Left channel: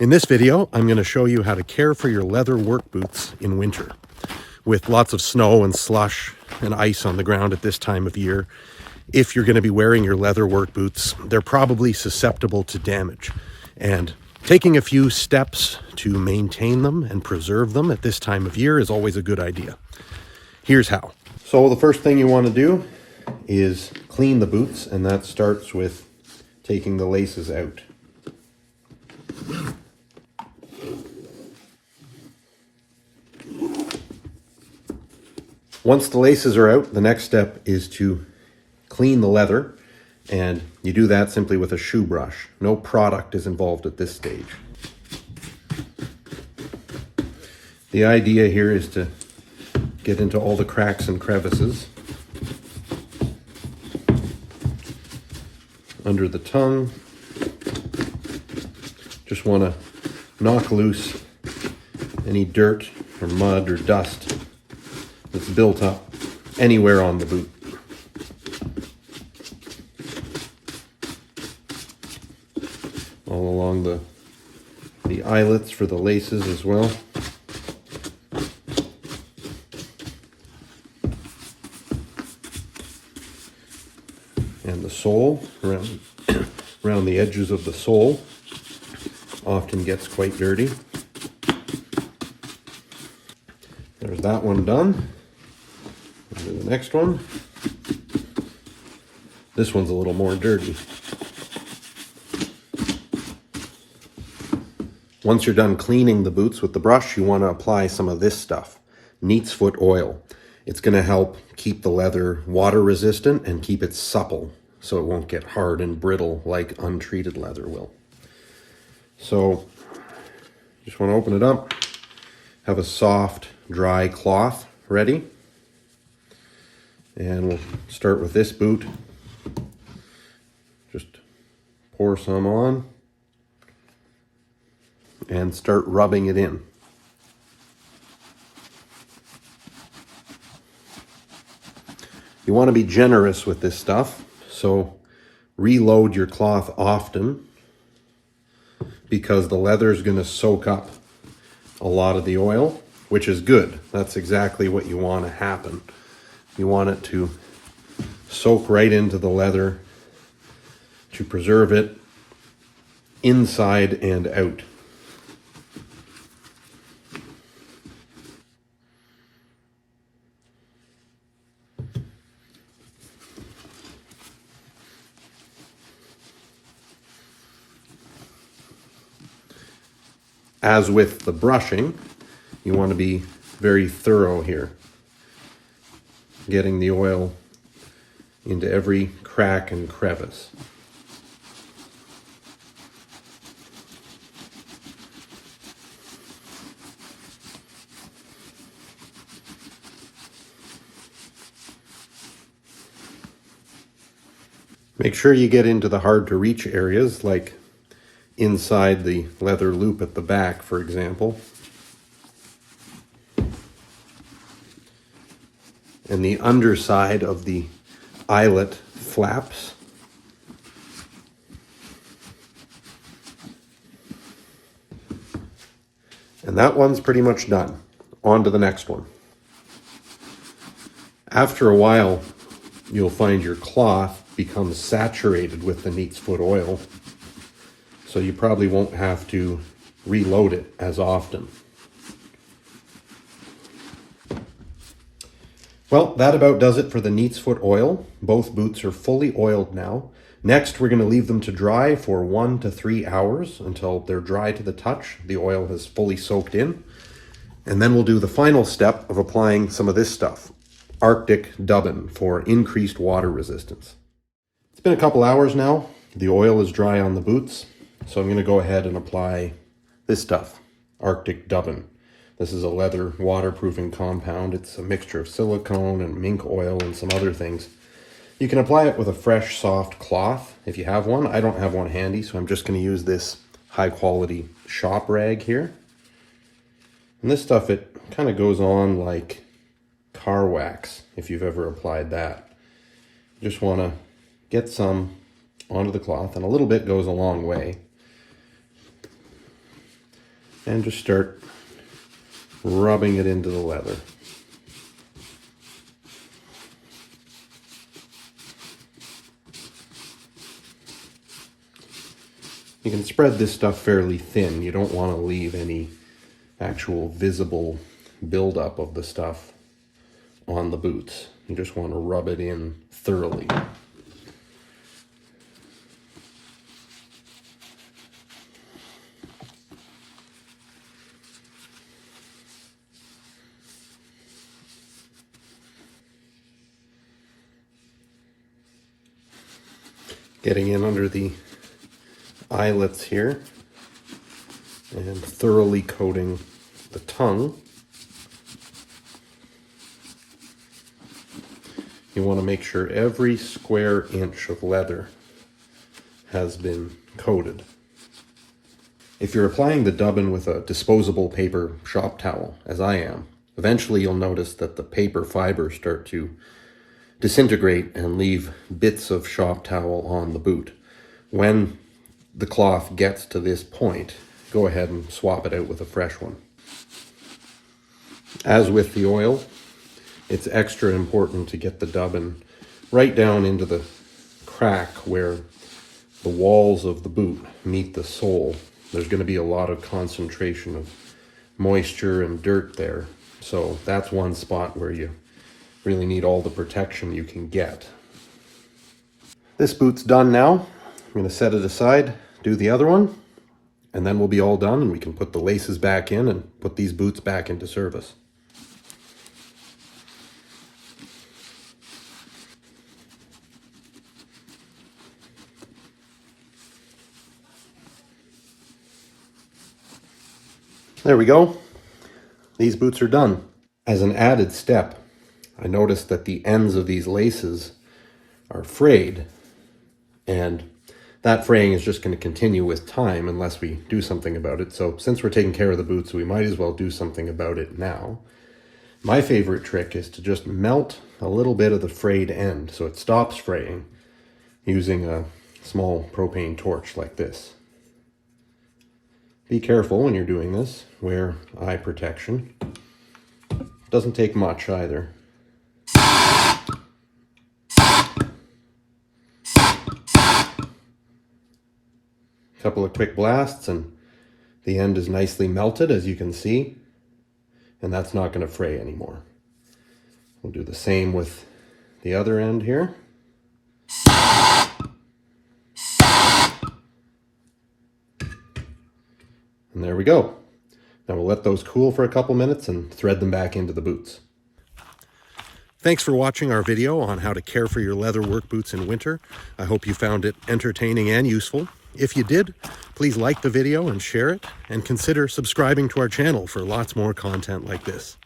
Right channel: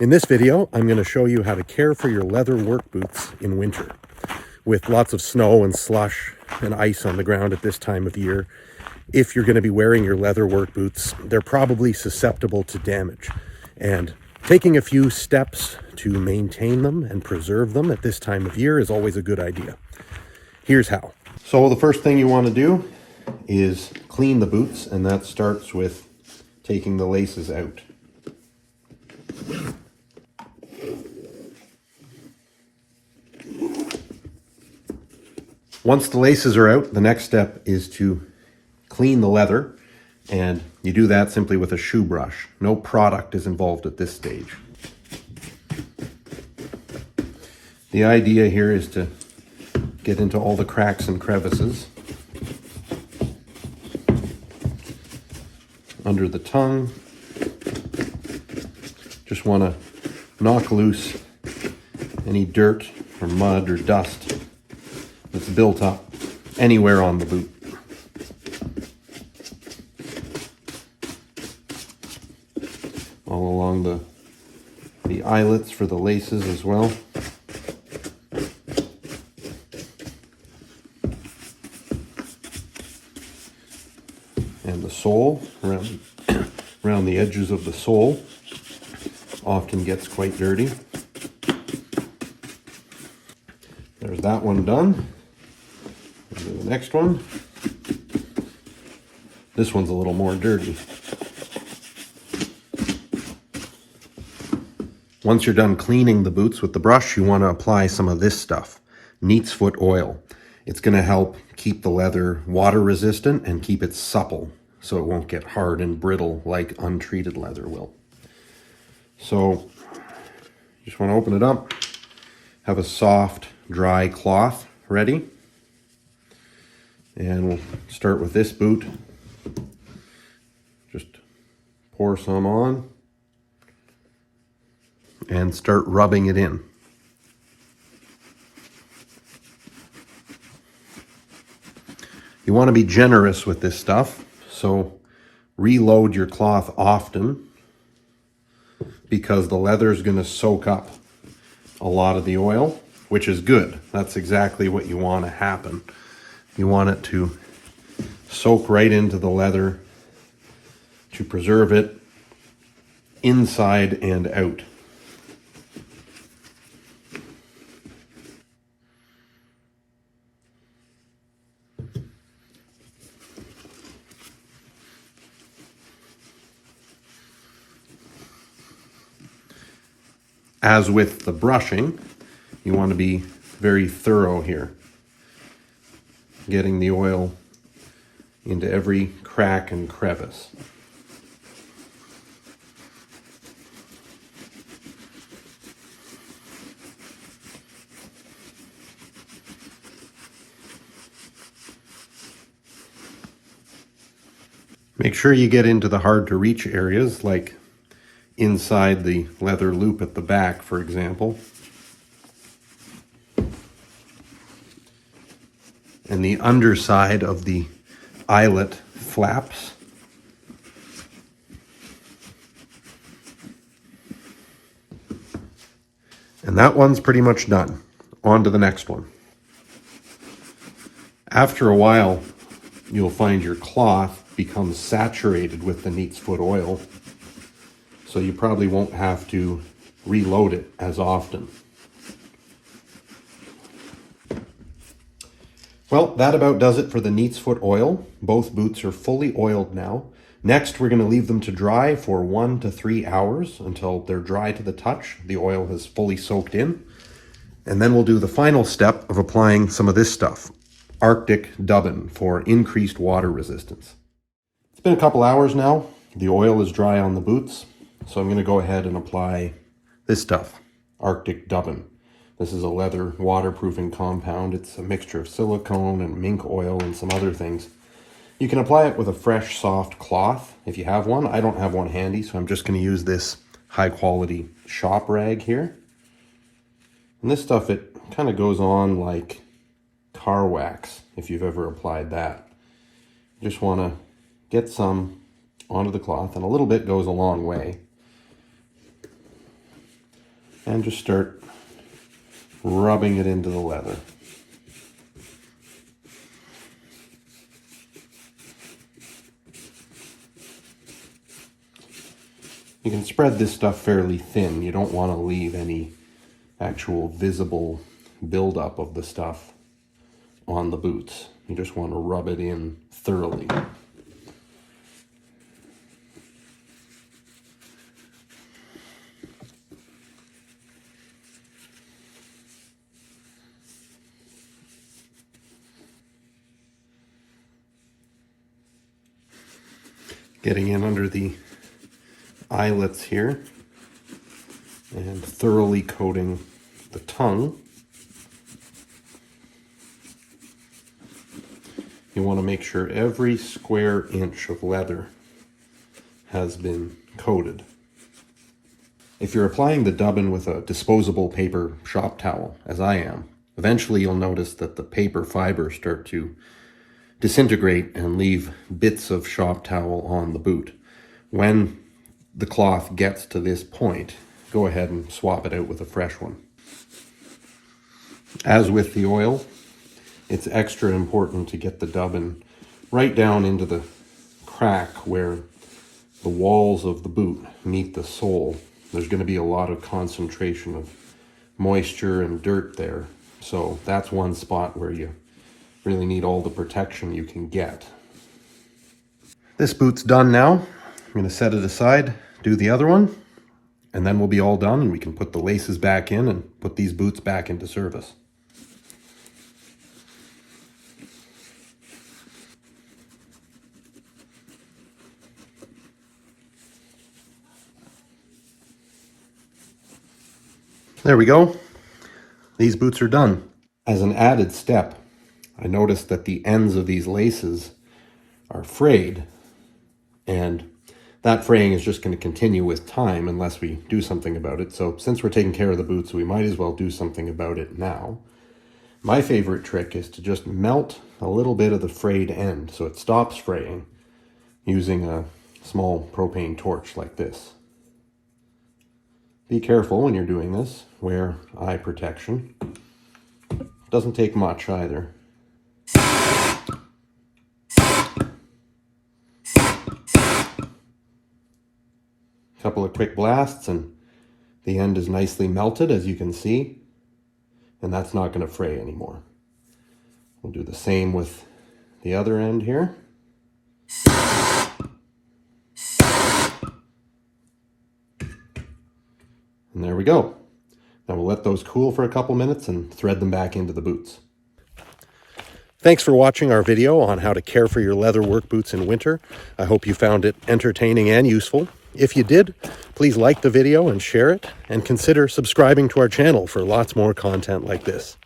In this video, I'm going to show you how to care for your leather work boots in winter. With lots of snow and slush and ice on the ground at this time of year, if you're going to be wearing your leather work boots, they're probably susceptible to damage. And taking a few steps to maintain them and preserve them at this time of year is always a good idea. Here's how. So the first thing you want to do is clean the boots, and that starts with taking the laces out. Once the laces are out, the next step is to clean the leather, and you do that simply with a shoe brush. No product is involved at this stage. The idea here is to get into all the cracks and crevices under the tongue. Just want to knock loose any dirt or mud or dust that's built up anywhere on the boot. All along the eyelets for the laces as well. And the sole, around the edges of the sole, often gets quite dirty. There's that one done. The next one. This one's a little more dirty. Once you're done cleaning the boots with the brush, you want to apply some of this stuff, Neat's Foot oil. It's going to help keep the leather water resistant and keep it supple so it won't get hard and brittle like untreated leather will. So just want to open it up, have a soft, dry cloth ready. And we'll start with this boot. Just pour some on and start rubbing it in. You want to be generous with this stuff, so reload your cloth often because the leather is going to soak up a lot of the oil, which is good. That's exactly what you want to happen. You want it to soak right into the leather to preserve it inside and out. As with the brushing, you want to be very thorough here, getting the oil into every crack and crevice. Make sure you get into the hard to reach areas, like inside the leather loop at the back, for example. And the underside of the eyelet flaps. And that one's pretty much done. On to the next one. After a while, you'll find your cloth becomes saturated with the Neat's Foot oil, so you probably won't have to reload it as often. Well, that about does it for the Neat's Foot oil. Both boots are fully oiled now. Next, we're going to leave them to dry for 1 to 3 hours until they're dry to the touch. The oil has fully soaked in. And then we'll do the final step of applying some of this stuff, Arctic Dubbin, for increased water resistance. It's been a couple hours now. The oil is dry on the boots. So I'm going to go ahead and apply this stuff, Arctic Dubbin. This is a leather waterproofing compound. It's a mixture of silicone and mink oil and some other things. You can apply it with a fresh, soft cloth if you have one. I don't have one handy, so I'm just going to use this high-quality shop rag here. And this stuff, it kind of goes on like car wax, if you've ever applied that. You just want to get some onto the cloth, and a little bit goes a long way. and just start rubbing it into the leather. You can spread this stuff fairly thin. You don't want to leave any actual visible buildup of the stuff on the boots. You just want to rub it in thoroughly. Getting in under the eyelets here and thoroughly coating the tongue. You want to make sure every square inch of leather has been coated. If you're applying the dubbin with a disposable paper shop towel, as I am, eventually you'll notice that the paper fibers start to disintegrate and leave bits of shop towel on the boot. When the cloth gets to this point, go ahead and swap it out with a fresh one. As with the oil, it's extra important to get the dubbin right down into the crack where the walls of the boot meet the sole. There's going to be a lot of concentration of moisture and dirt there. So that's one spot where you really need all the protection you can get. This boot's done now. I'm going to set it aside, do the other one, and then we'll be all done and we can put the laces back in and put these boots back into service. There we go. These boots are done. As an added step, I noticed that the ends of these laces are frayed, and that fraying is just going to continue with time unless we do something about it. So since we're taking care of the boots, we might as well do something about it now. My favorite trick is to just melt a little bit of the frayed end so it stops fraying using a small propane torch like this. Be careful when you're doing this. Wear eye protection. Doesn't take much either. Couple of quick blasts and the end is nicely melted, as you can see, and that's not going to fray anymore. We'll do the same with the other end here. And there we go. Now we'll let those cool for a couple minutes and thread them back into the boots. Thanks for watching our video on how to care for your leather work boots in winter. I hope you found it entertaining and useful. If you did, please like the video and share it, and consider subscribing to our channel for lots more content like this.